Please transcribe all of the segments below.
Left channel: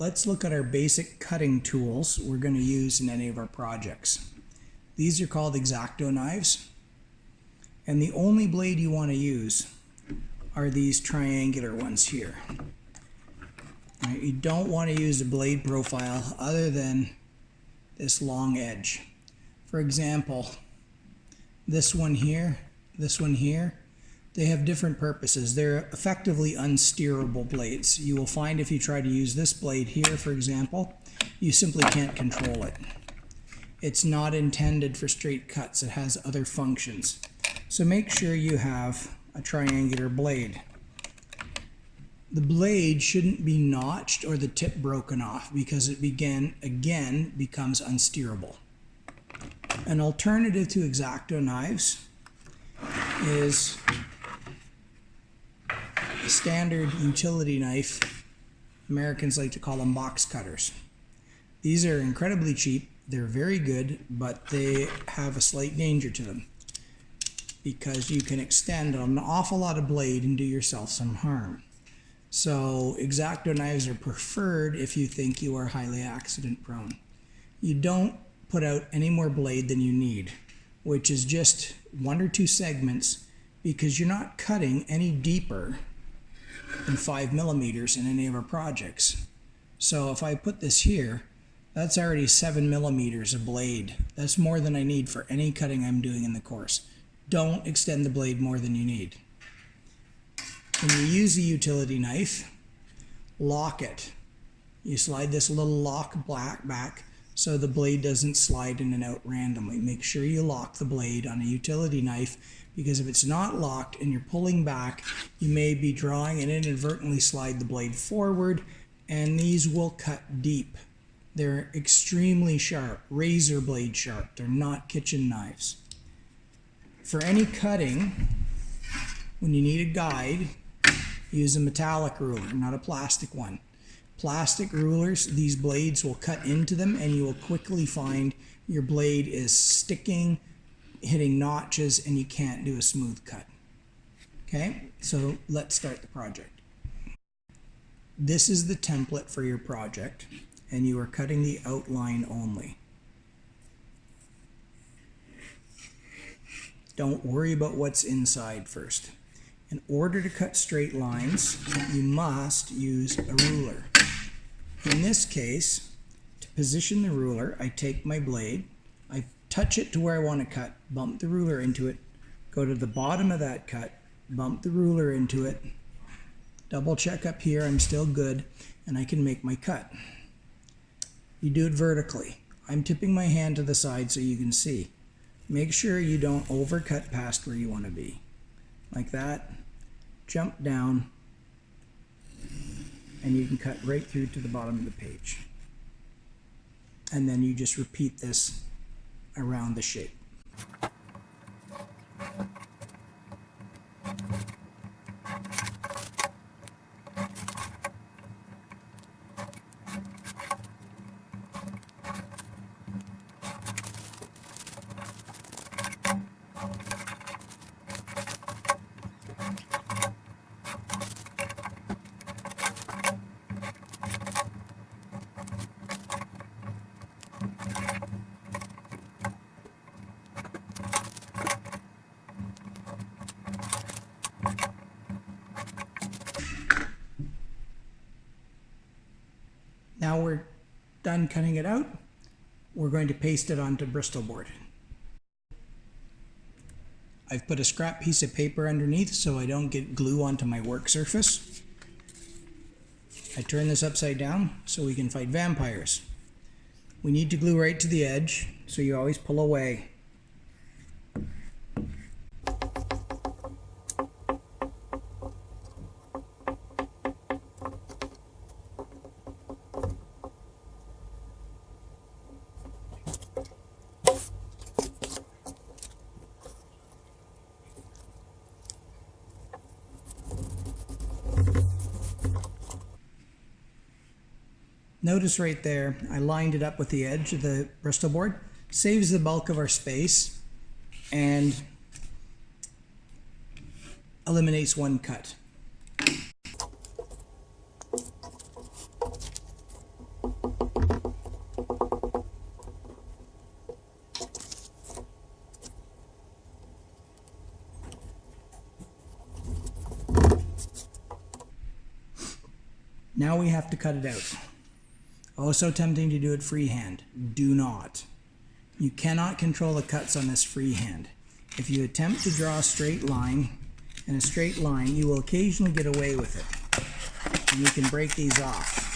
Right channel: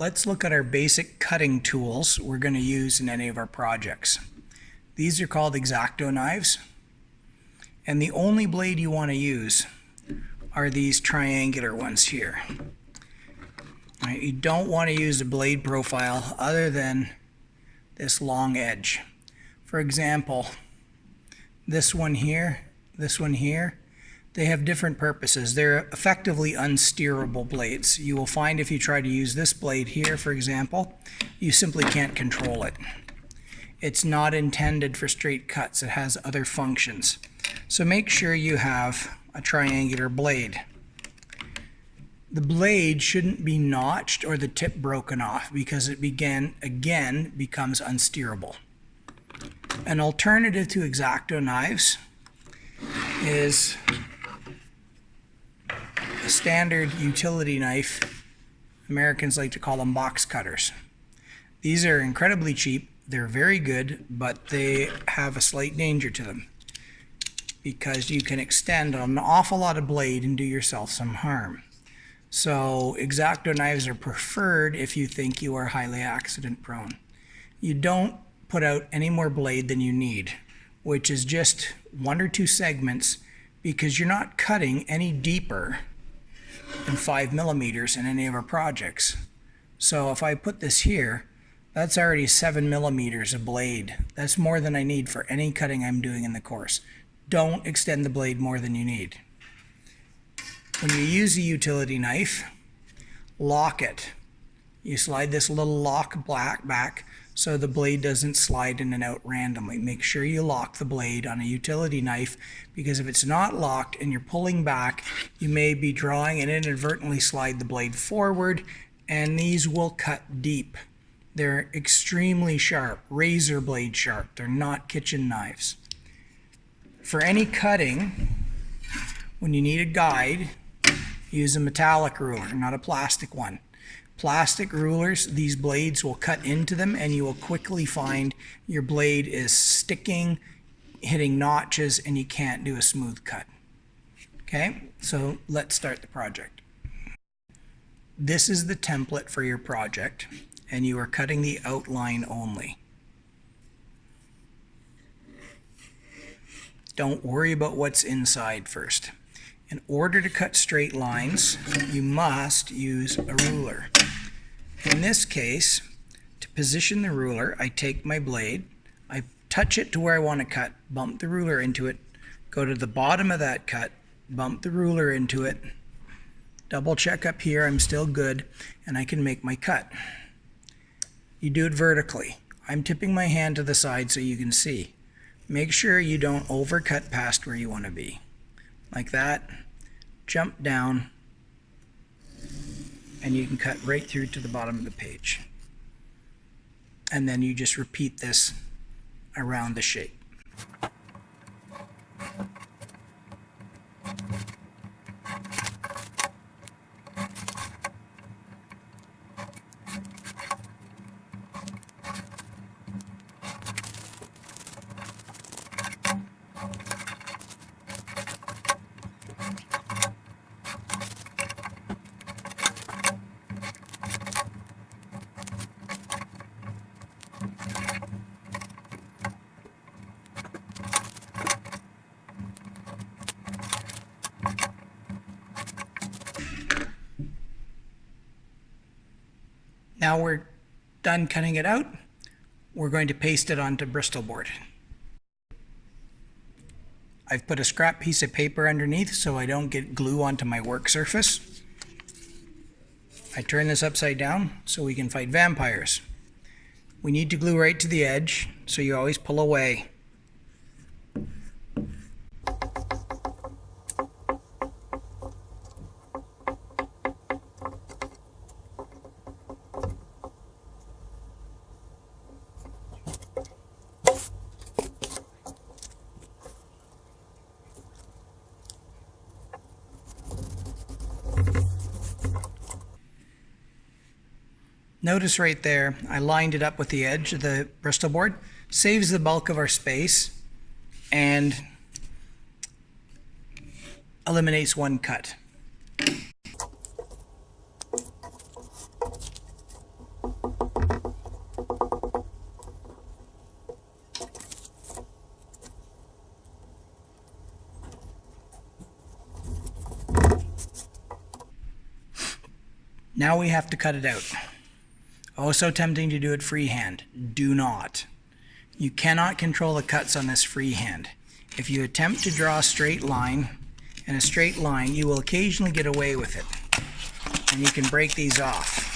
let's look at our basic cutting tools we're going to use in any of our projects. These are called X-Acto knives, and the only blade you want to use are these triangular ones here. Right, you don't want to use a blade profile other than this long edge. For example, this one here, they have different purposes. They're effectively unsteerable blades. You will find if you try to use this blade here, for example, you simply can't control it. It's not intended for straight cuts. It has other functions. So make sure you have a triangular blade. The blade shouldn't be notched or the tip broken off because it again becomes unsteerable. An alternative to X-Acto knives is a standard utility knife. Americans like to call them box cutters. These are incredibly cheap. They're very good, but they have a slight danger to them because you can extend an awful lot of blade and do yourself some harm. So X-Acto knives are preferred if you think you are highly accident prone. You don't put out any more blade than you need, which is just 1 or 2 segments, because you're not cutting any deeper than 5 millimeters in any of our projects. So if I put this here, that's already 7 millimeters of blade. That's more than I need for any cutting I'm doing in the course. Don't extend the blade more than you need. When you use a utility knife, lock it. You slide this little lock back so the blade doesn't slide in and out randomly. Make sure you lock the blade on a utility knife, because if it's not locked and you're pulling back, you may be drawing and inadvertently slide the blade forward, and these will cut deep. They're extremely sharp, razor blade sharp. They're not kitchen knives. For any cutting, when you need a guide, use a metallic ruler, not a plastic one. Plastic rulers, these blades will cut into them and you will quickly find your blade is sticking, hitting notches, and you can't do a smooth cut. Okay, so let's start the project. This is the template for your project, and you are cutting the outline only. Don't worry about what's inside first. In order to cut straight lines, you must use a ruler. In this case, to position the ruler, I take my blade, I touch it to where I want to cut, bump the ruler into it, go to the bottom of that cut, bump the ruler into it, double check up here I'm still good, and I can make my cut. You do it vertically. I'm tipping my hand to the side so you can see. Make sure you don't overcut past where you want to be. Like that, jump down, and you can cut right through to the bottom of the page. And then you just repeat this around the shape. Now we're done cutting it out. We're going to paste it onto Bristol board. I've put a scrap piece of paper underneath so I don't get glue onto my work surface. I turn this upside down so we can fight vampires. We need to glue right to the edge, so you always pull away. Notice right there, I lined it up with the edge of the Bristol board. Saves the bulk of our space and eliminates one cut. Now we have to cut it out. Oh, so tempting to do it freehand. Do not. You cannot control the cuts on this freehand. If you attempt to draw a straight line, in a straight line, you will occasionally get away with it. And you can break these off.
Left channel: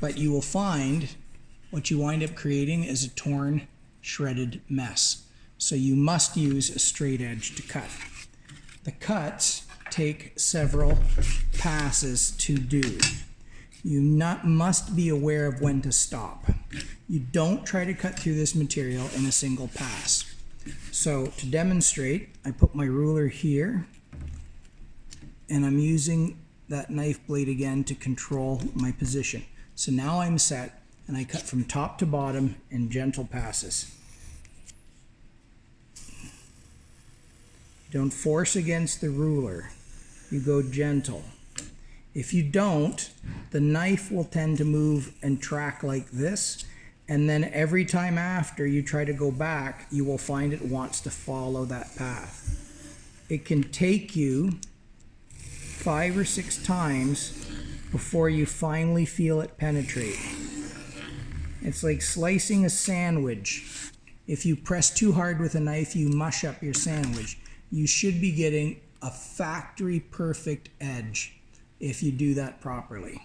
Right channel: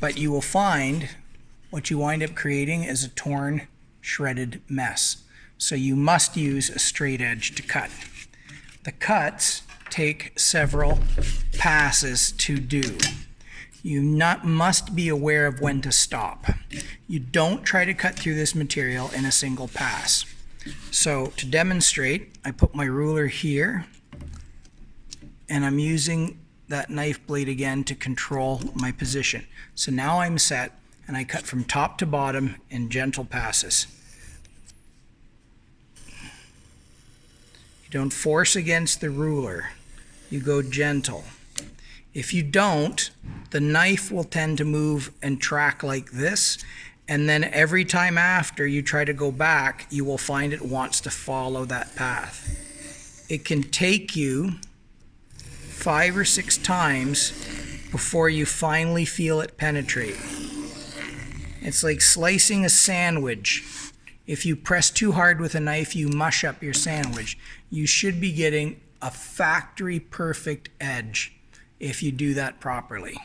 But you will find what you wind up creating is a torn, shredded mess. So you must use a straight edge to cut. The cuts take several passes to do. You must be aware of when to stop. You don't try to cut through this material in a single pass. So to demonstrate, I put my ruler here, and I'm using that knife blade again to control my position. So now I'm set, and I cut from top to bottom in gentle passes. You don't force against the ruler. You go gentle. If you don't, the knife will tend to move and track like this, and then every time after you try to go back, you will find it wants to follow that path. It can take you 5 or 6 times before you finally feel it penetrate. It's like slicing a sandwich. If you press too hard with a knife, you mush up your sandwich. You should be getting a factory perfect edge if you do that properly.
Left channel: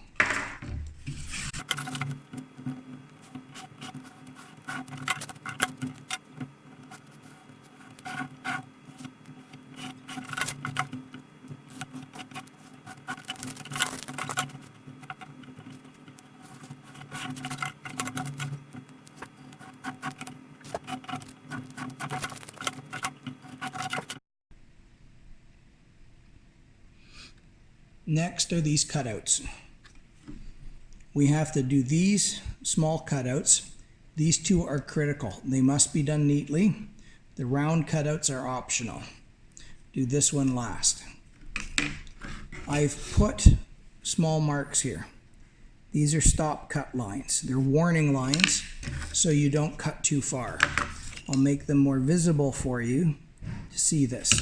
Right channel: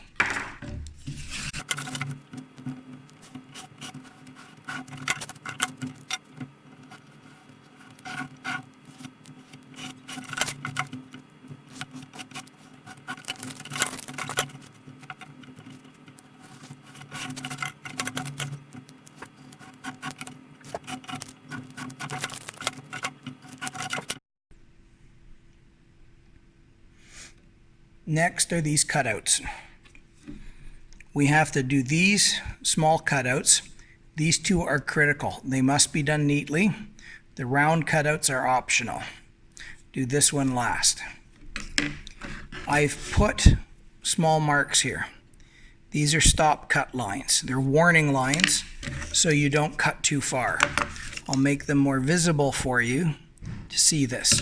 Next are these cutouts. We have to do these small cutouts. These two are critical. They must be done neatly. The round cutouts are optional. Do this one last. I've put small marks here. These are stop cut lines. They're warning lines so you don't cut too far. I'll make them more visible for you to see this.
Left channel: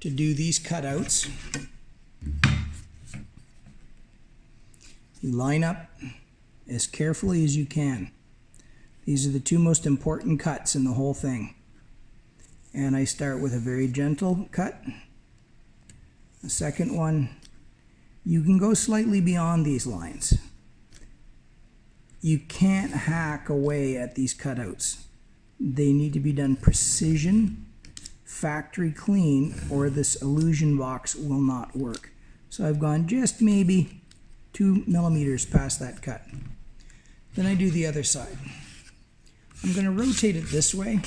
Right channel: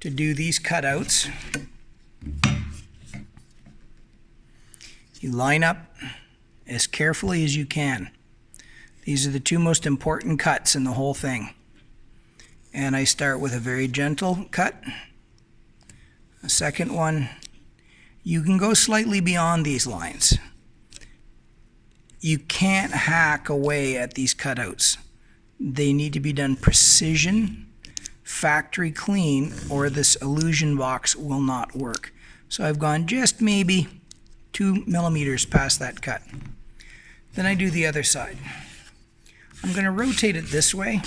To do these cutouts, you line up as carefully as you can. These are the two most important cuts in the whole thing. And I start with a very gentle cut. A second one. You can go slightly beyond these lines. You can't hack away at these cutouts. They need to be done precision, factory clean, or this illusion box will not work. So I've gone just maybe 2 millimeters past that cut. Then I do the other side. I'm going to rotate it this way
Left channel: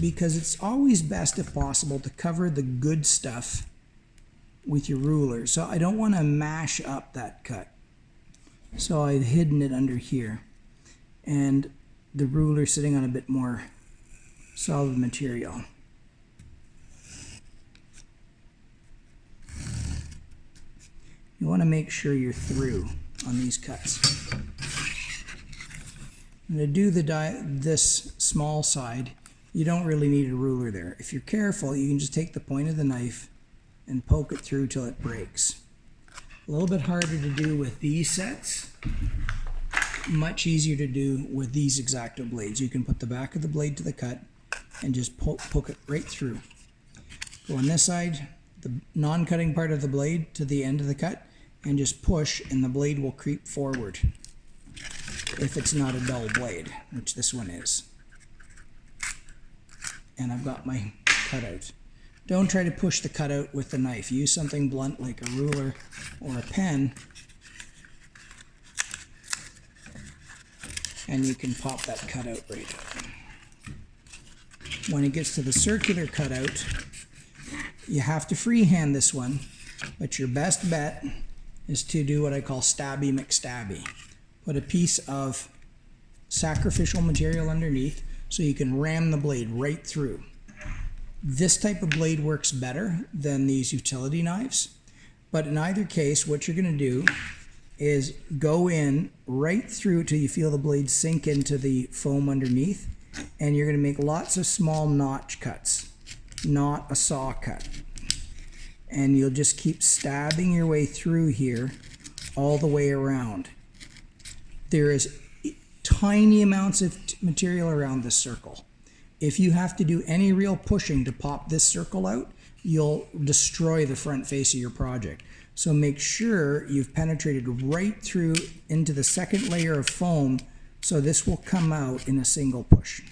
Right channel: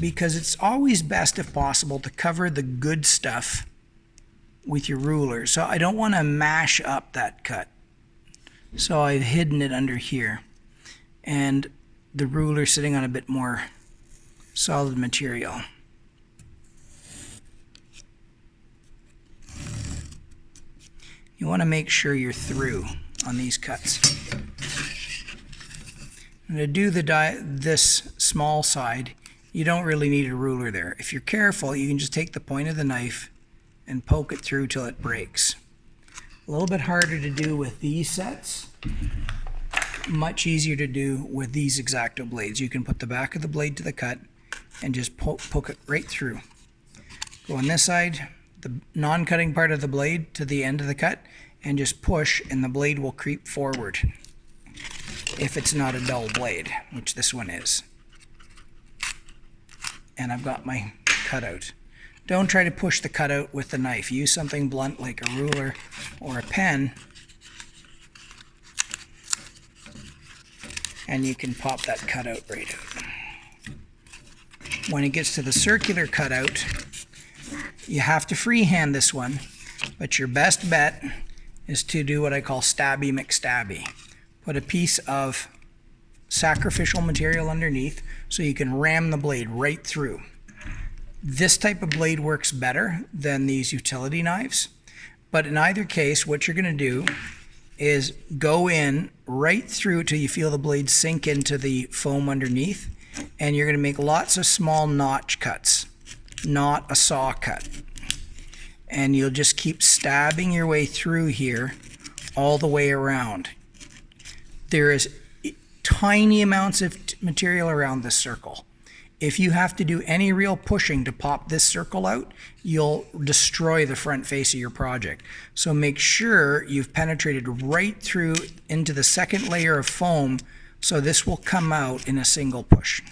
because it's always best, if possible, to cover the good stuff with your ruler. So I don't want to mash up that cut. So I've hidden it under here, and the ruler sitting on a bit more solid material. You want to make sure you're through on these cuts. And to do this small side, you don't really need a ruler there. If you're careful, you can just take the point of the knife and poke it through till it breaks. A little bit harder to do with these sets. Much easier to do with these X-Acto blades. You can put the back of the blade to the cut and just poke it right through. Go on this side, the non-cutting part of the blade to the end of the cut, and just push, and the blade will creep forward if it's not a dull blade, which this one is. And I've got my cutout. Don't try to push the cutout with the knife. Use something blunt like a ruler or a pen, and you can pop that cutout right out. When it gets to the circular cutout, you have to freehand this one, but your best bet is to do what I call stabby McStabby. Put a piece of sacrificial material underneath so you can ram the blade right through. This type of blade works better than these utility knives, but in either case, what you're going to do is go in right through till you feel the blade sink into the foam underneath, and you're going to make lots of small notch cuts, not a saw cut. and you'll just keep stabbing your way through here all the way around. There is tiny amounts of material around this circle. If you have to do any real pushing to pop this circle out, you'll destroy the front face of your project. So make sure you've penetrated right through into the second layer of foam, so this will come out in a single push.